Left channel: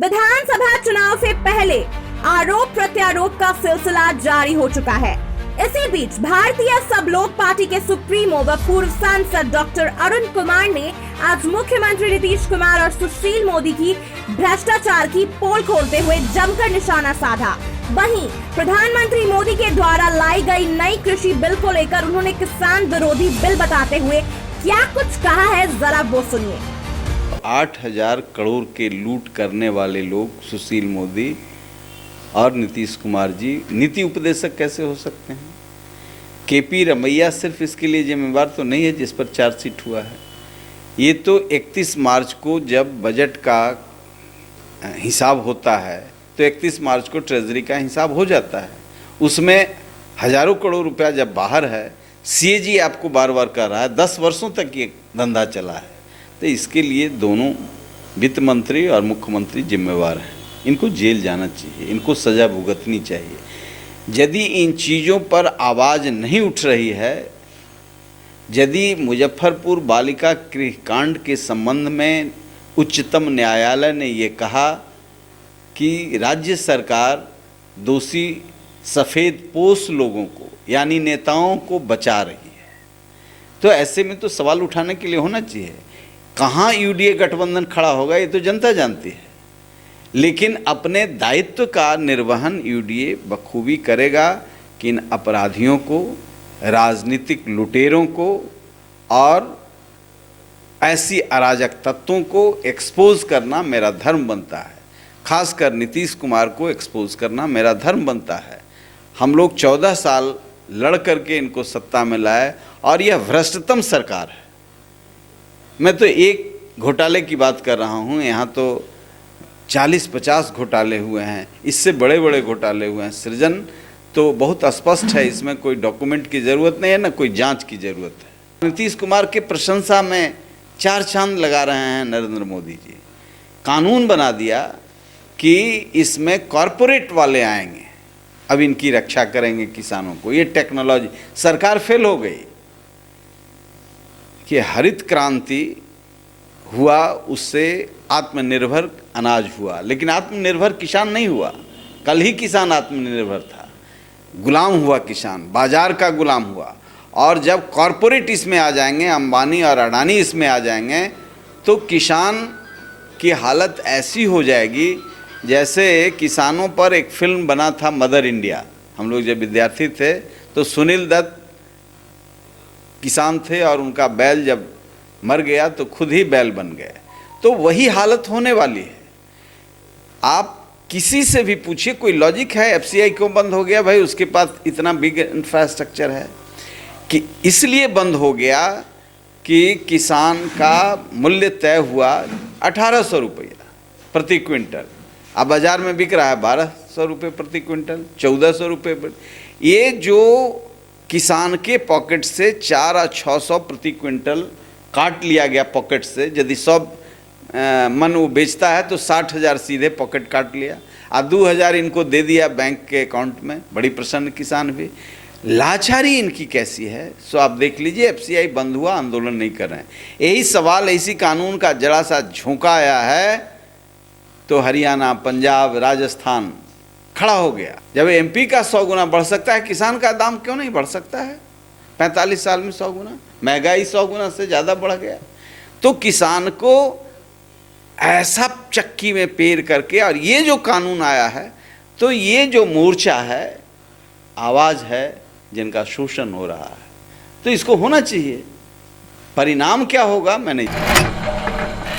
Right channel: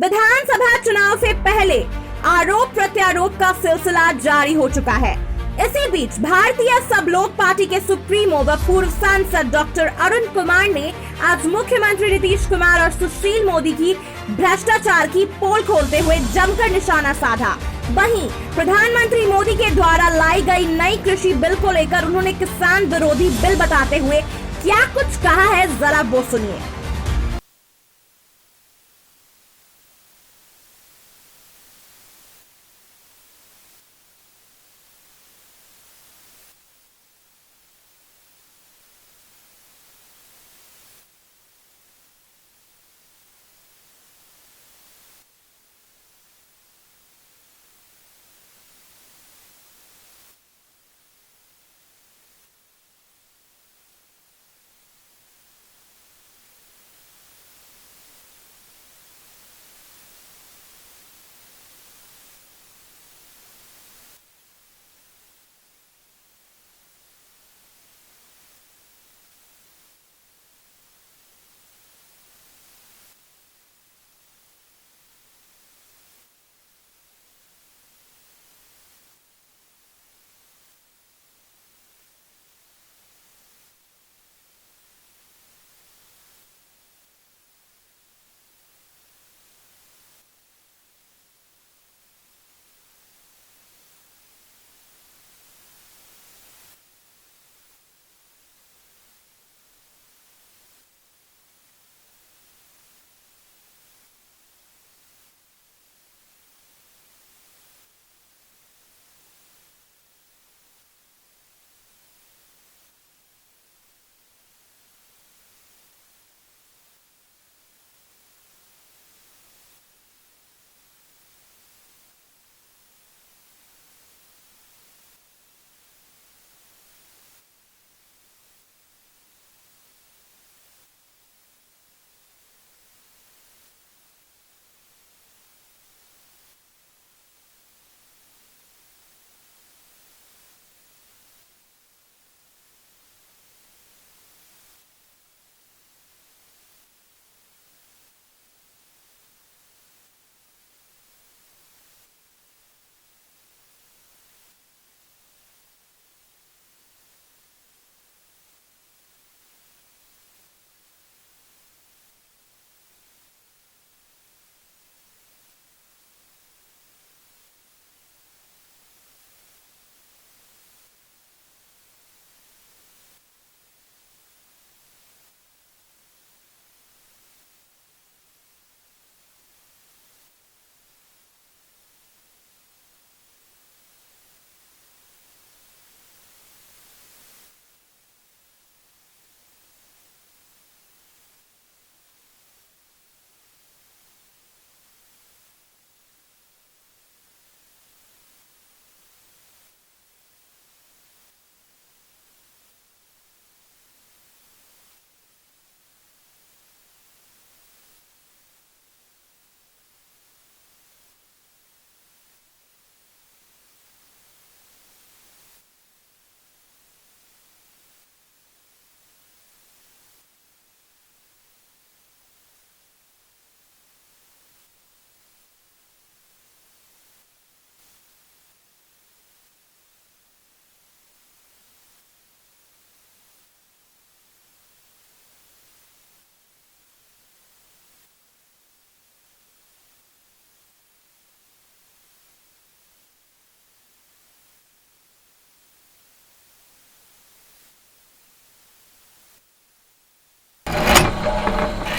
विधानसभा चुनाव से पहले आरोप प्रत्यारोप का सिलसिला जारी हो चुका है। इसी बीच भारतीय सब लोग पार्टी के सुप्रीमो व पूर्व सांसद डॉक्टर अरुण कुमार ने आज मुख्यमंत्री नीतीश कुमार और सुशील मोदी की भ्रष्टाचार की पोल खोलते हुए जमकर निशाना साधा। वहीं प्रधानमंत्री मोदी के द्वारा लाई गई नई कृषि बिल को लेकर उन्होंने किसान विरोधी बिल बताते हुए क्या कुछ कहा है, जरा वो सुनिए। 8,000 करोड़ के लूट करने वाले लोग सुशील मोदी और नीतीश कुमार जी नीति उपदेशक कैसे हो सकते हैं? केपी रमैया सिर्फ इसके लिए जिम्मेवार तो नहीं है जिस पर चार्जशीट हुआ है। ये तो 31 मार्च को जब बजट का हिसाब होता है तो 31 मार्च को ट्रेजरी का हिसाब हो जाता है। उसमें हजारों करोड़ रुपया जब बाहर है, सीएजी आपको बार बार कह रहा है 10 वर्षों तक ये धंधा चला है, तो इसके लिए दोनों वित्त मंत्री और मुख्यमंत्री जिम्मेवार हैं। इनको जेल जाना चाहिए, इनको सज़ा भुगतनी चाहिए। यदि इन चीज़ों पर आवाज़ नहीं उठ रही है, यदि मुजफ्फरपुर बालिका गृहकांड के संबंध में उच्चतम न्यायालय ने ये कहा कि राज्य सरकार दोषी सफ़ेद पोश लोगों को यानी नेताओं को बचा रही है, तो ऐसे में तो सवाल उठाने के लिए होना चाहिए। कहाँ यूडीए गठबंधन खड़ा होगा ये तो जनता जानती है, लेकिन अपने दायित्व का निर्वहन यूडीए बखूबी करेगा कि इन अपराधियों को, राजनीतिक लुटेरों को और ऐसी अराजक तत्वों को एक्सपोज करना मेरा धर्म बनता है। खासकर नीतीश कुमार को एक्सपोज करना मेरा धर्म बनता है। हम लोग 14 साल लड़ करके इनको सत्ता में लाए और यह भ्रष्टतम सरकार है। मैं तो एक घोटाले की बात कर रहा हूँ, यहाँ तो 40-50 घोटाले हुए हैं, इससे बड़े बड़े घोटाले हुए हैं। सृजन तो बहुत स्पष्ट है, इसमें कोई डॉक्यूमेंट की ज़रूरत नहीं है, ना कोई जांच की ज़रूरत है। नीतीश कुमार के प्रशंसा में 4 चांद लगा रहे हैं नरेंद्र मोदी जी। कानून बना दिया कि इसमें कॉरपोरेट वाले आएंगे, अब इनकी रक्षा करेंगे किसानों को। ये टेक्नोलॉजी सरकार फेल हो गई कि हरित क्रांति हुआ, उससे आत्मनिर्भर अनाज हुआ, लेकिन आत्मनिर्भर किसान नहीं हुआ। कल ही किसान आत्मनिर्भर था, गुलाम हुआ किसान, बाजार का गुलाम हुआ। और जब कॉरपोरेट इसमें आ जाएंगे, अंबानी और अडानी इसमें आ जाएंगे, तो किसान की हालत ऐसी हो जाएगी जैसे किसानों पर एक फिल्म बना था मदर इंडिया। हम लोग जब विद्यार्थी थे तो सुनील दत्त किसान थे और उनका बैल जब मर गया तो खुद ही बैल बन गए। तो वही हालत होने वाली है। आप किसी से भी पूछिए, कोई लॉजिक है एफसीआई क्यों बंद हो गया? भाई उसके पास इतना बिग इंफ्रास्ट्रक्चर है कि इसलिए बंद हो गया कि किसान का मूल्य तय हुआ 1800 रुपया प्रति क्विंटल, अब बाज़ार में बिक रहा है 1200 रुपये प्रति क्विंटल, 1400 रुपये। ये जो किसान के पॉकेट से 4 और 600 प्रति क्विंटल काट लिया गया पॉकेट से। यदि 100 मन वो बेचता है तो 60,000 सीधे पॉकेट काट लिया और 2,000 इनको दे दिया बैंक के अकाउंट में। बड़ी प्रसन्न किसान भी। लाचारी इनकी कैसी है, सो आप देख लीजिए। एफसीआई बंद हुआ, आंदोलन नहीं कर रहे हैं। यही सवाल, इसी कानून का जरा सा झोंका आया है तो हरियाणा, पंजाब, राजस्थान खड़ा हो गया। जब एमपी का 100 गुना बढ़ सकता है, किसान का दाम क्यों नहीं बढ़ सकता है? 45 साल में 100 गुना, महंगाई 100 गुना से ज़्यादा बढ़ गया। तो किसान को ऐसा चक्की में पेर करके, और ये जो कानून आया है, तो ये जो मोर्चा है, आवाज़ है जिनका शोषण हो रहा है, तो इसको होना चाहिए। परिणाम क्या होगा मैं नहीं जानता।